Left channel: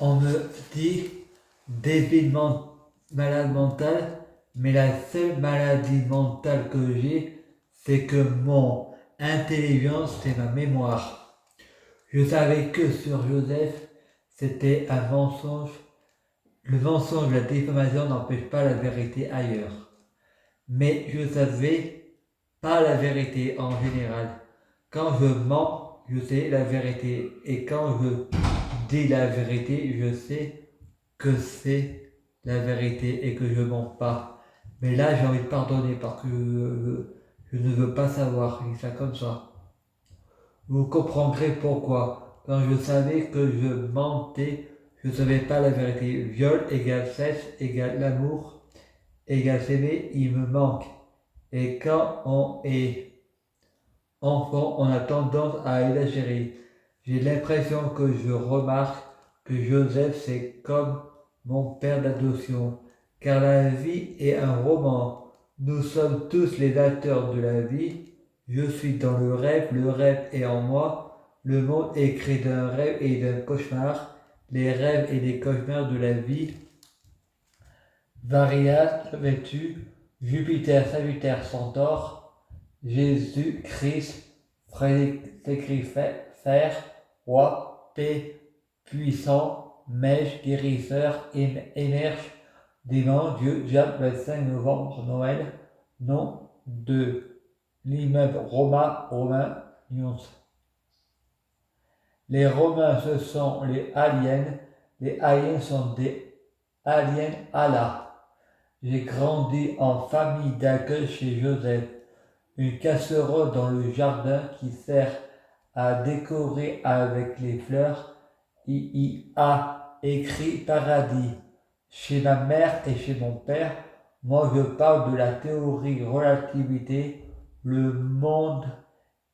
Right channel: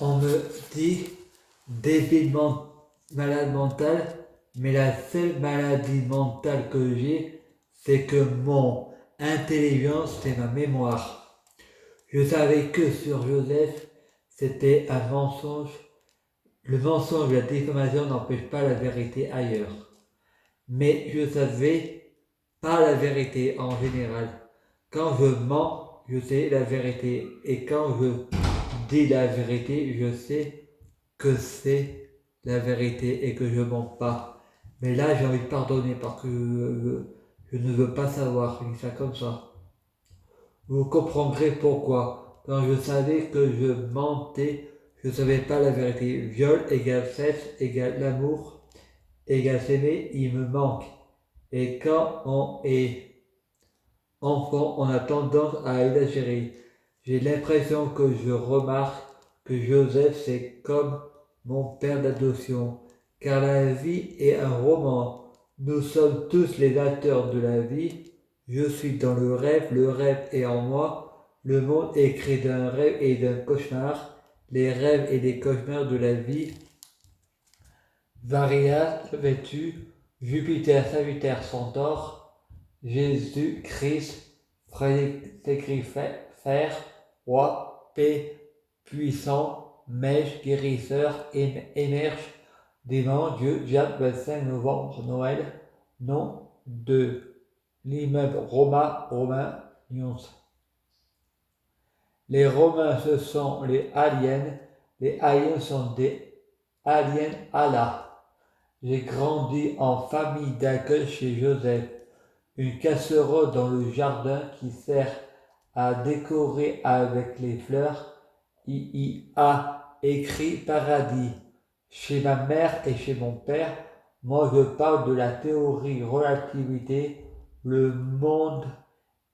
On me dit malade mental, mais la seule maladie mentale que j'ai, c'est que mon intelligence, c'est ma mémoire. Je savais que sur Joseph, c'était un mensonge. Le mensonge, la diffamation n'empêche pas la vérité ailleurs. Mais je savais pas la vérité en général. Quand je mens, je sais la vérité. Et quand je dis la vérité, je sais que c'est la vérité et que je mens pas. Mais là, j'ai envie de pardonner parce que je ne veux pas savoir. Je dis ça comme ça. Vous comprendrez pourquoi. Quand je savais que je mentais, je ne savais pas la vérité. Viol égale sexe égale l'amour égale s'aimer, il me manque. Et quand on est enfant, on a tendance à exagérer. J'ai l'impression que je remarque que Joseph, c'est comme mon père d'adoption. Car la vie est un roman. Nous sommes tous les acteurs de la vie. Je suis dans le rêve est en moi. Le monde est créé d'un rêve et d'un cauchemar. Les rêves et les cauchemars de la vie. Varia, vêtu, Jupiter, Sagittaire, Centaure, Jésus, Christ, Frédéric Fer, Roi, Paix, Puissant, Mèche, Guérisseur, Émerge, Démon, Dieu, Diable, 25 novembre, Noël, nom de l'immeuble Romain, Nyons. Les Romains, ce sont les aliens sont des aliens Allah. J'ai grandi en famille d'accueil chez Joseph, une casserole dans le jardin qui sert à décorer avec les fleurs. Il y a écrit paradis. Chez ma mère et chez mon père, moi je parle de la théorie relativité. Le monde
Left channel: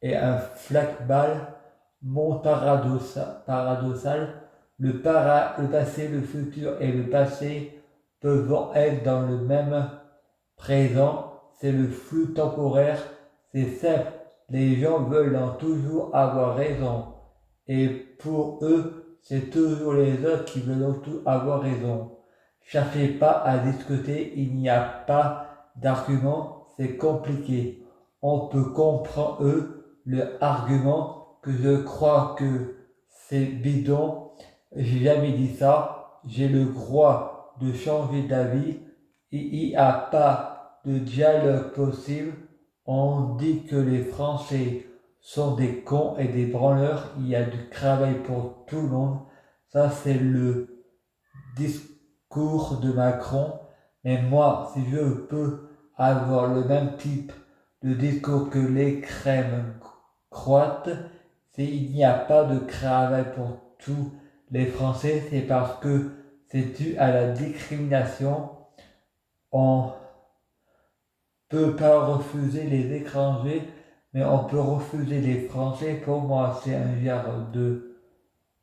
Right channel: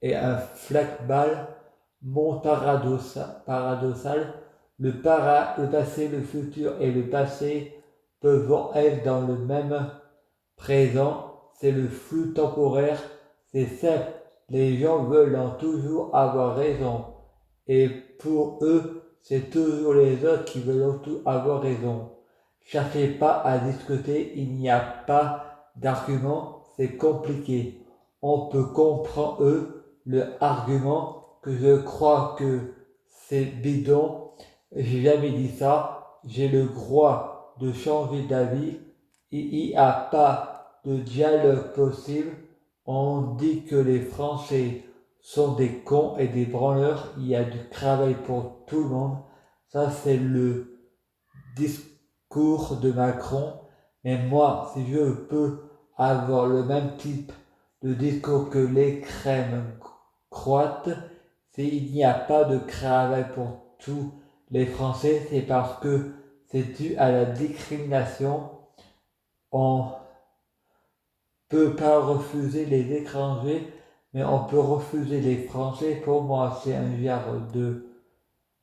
est un flashball, monde paradoxal. Le passé, le futur et le passé peuvent être dans le même présent, c'est le flux temporaire, c'est simple, les gens veulent en toujours avoir raison. Et pour eux, c'est toujours les autres qui veulent en tout avoir raison. Cherchez pas à discuter, il n'y a pas d'argument, c'est compliqué. On peut comprendre le argument que je crois que c'est bidon. J'ai jamais dit ça. J'ai le droit de changer d'avis. Il n'y a pas de dialogue possible. On dit que les Français sont des cons et des branleurs. Il y a du travail pour tout le monde. Ça, c'est le discours de Macron. Mais moi, si je peux avoir le même type de discours que les crèmes croates, s'il n'y a pas de travail pour tous les Français, c'est parce que c'est dû à la discrimination. On peut pas refuser les étrangers, mais on peut refuser les Français. Pour moi, c'est un genre de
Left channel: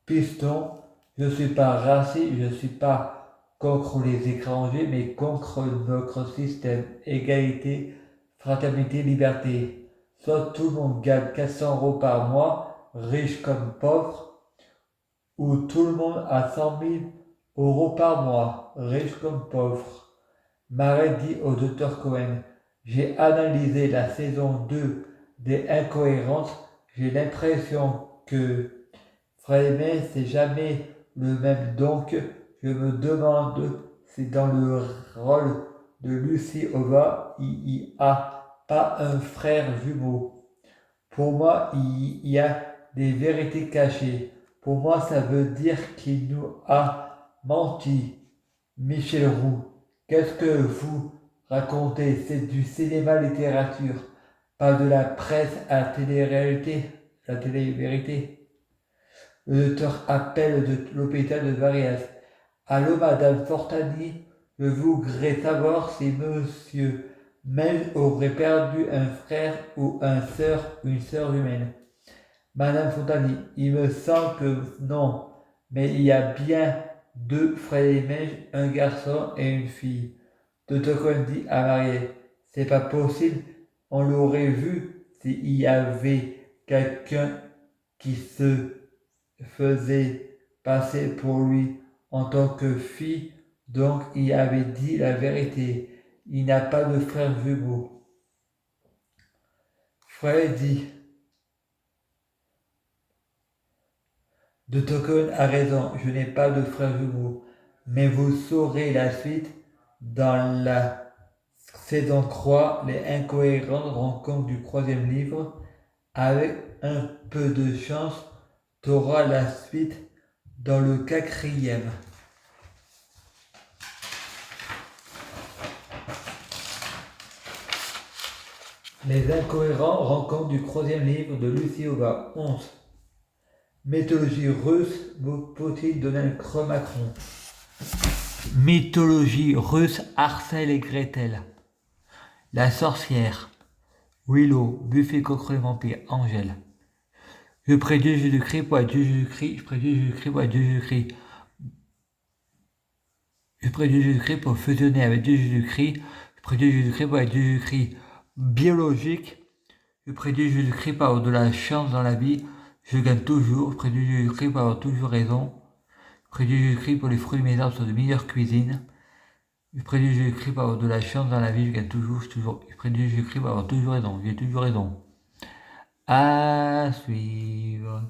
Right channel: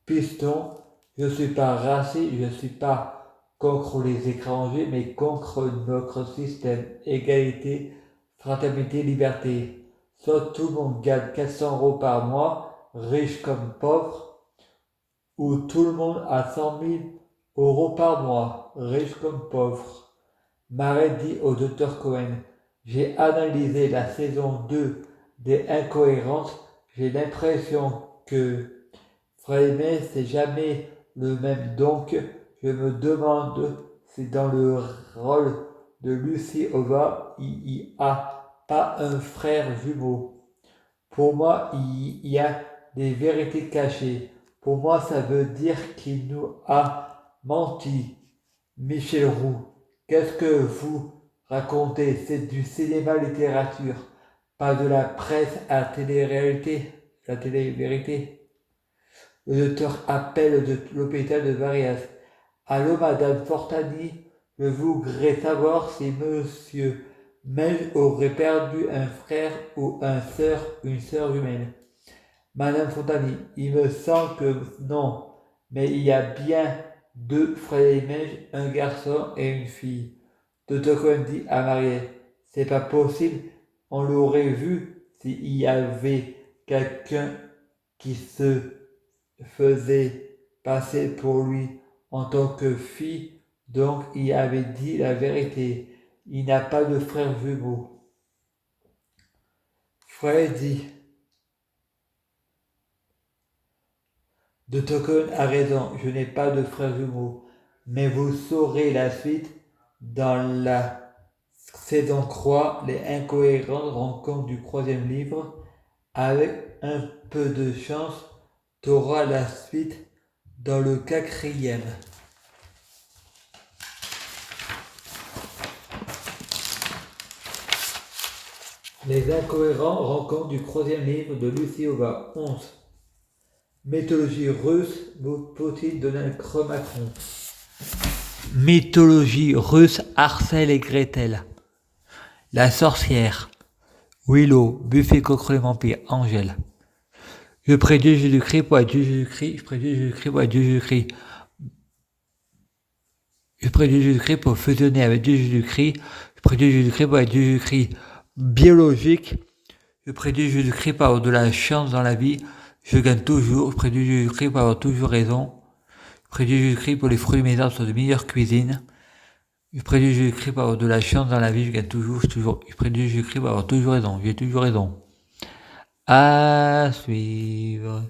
piston. Je ne suis pas raciste, je ne suis pas contre les étrangers, mais contre notre système. Égalité, fraternité, liberté. Soit tout le monde gagne 400 euros par mois, riche comme pauvre, ou tout le monde a 100 000 euros par mois, riche comme pauvre. Marais dit au docteur Cohen, j'ai analysé la saison 2 des Incohérences, j'ai l'impression que Freinet c'est jamais le même, donc je me demande si dans le rôle de Lucie Ova, il n'y a pas un frère jumeau. Pour moi, il y a des vérités cachées. Pour moi, ça veut dire qu'il nous a menti. Michel Roux, qu'est-ce que vous racontez? C'est du cinéma-littérature, pas de la presse à télé-réalité, la télé-vérité. Le docteur appelle de l'hôpital de Varias. Allô, Madame Fortani, je voudrais savoir si Monsieur Mel aurait perdu un frère ou une sœur humaine. Madame Fontani, il me semble que non, mais il y a bien deux frères et mères, un garçon et une fille. Docteur Cohen dit à Marielle, c'est pas possible, on l'aurait vu s'il y avait quelqu'un qui se faisait passait pour lui en tant que fille, donc il avait dit la vérité. Il n'a pas de frère jumeau. Freddy de Tokyo a raison, je n'ai pas de frère jumeau, mais vous saurez la suite dans la saison 3, les incohérences rencontres du troisième livre. Avec un peu de chance, tu auras la suite dans le quatrième. Les incohérents rencontres du troisième livre de Lucie Aubin. 11. Mythologie russe, faut-il donner un chromatron? Mythologie russe, Arsène et Gretel. La sorcière. Willow, Buffy contre les vampires, Angèle. Je prie Dieu Jésus-Christ pour être Dieu Jésus-Christ, je prie Dieu Jésus-Christ pour être Dieu Jésus-Christ. Je prie Dieu Jésus-Christ pour fusionner avec Dieu Jésus-Christ, je prie Dieu Jésus-Christ pour être Dieu Jésus-Christ. Biologique, je prie Dieu Jésus-Christ pour avoir de la chance dans la vie, je gagne toujours, je prie Dieu Jésus-Christ pour avoir toujours raison. Je prie Dieu Jésus-Christ pour les fruits de mes arbres sont de meilleure cuisine. Je prie Dieu Jésus-Christ pour avoir de la chance dans la vie, je gagne toujours. Je prie Dieu Jésus-Christ pour avoir toujours raison, j'ai toujours raison. À suivre.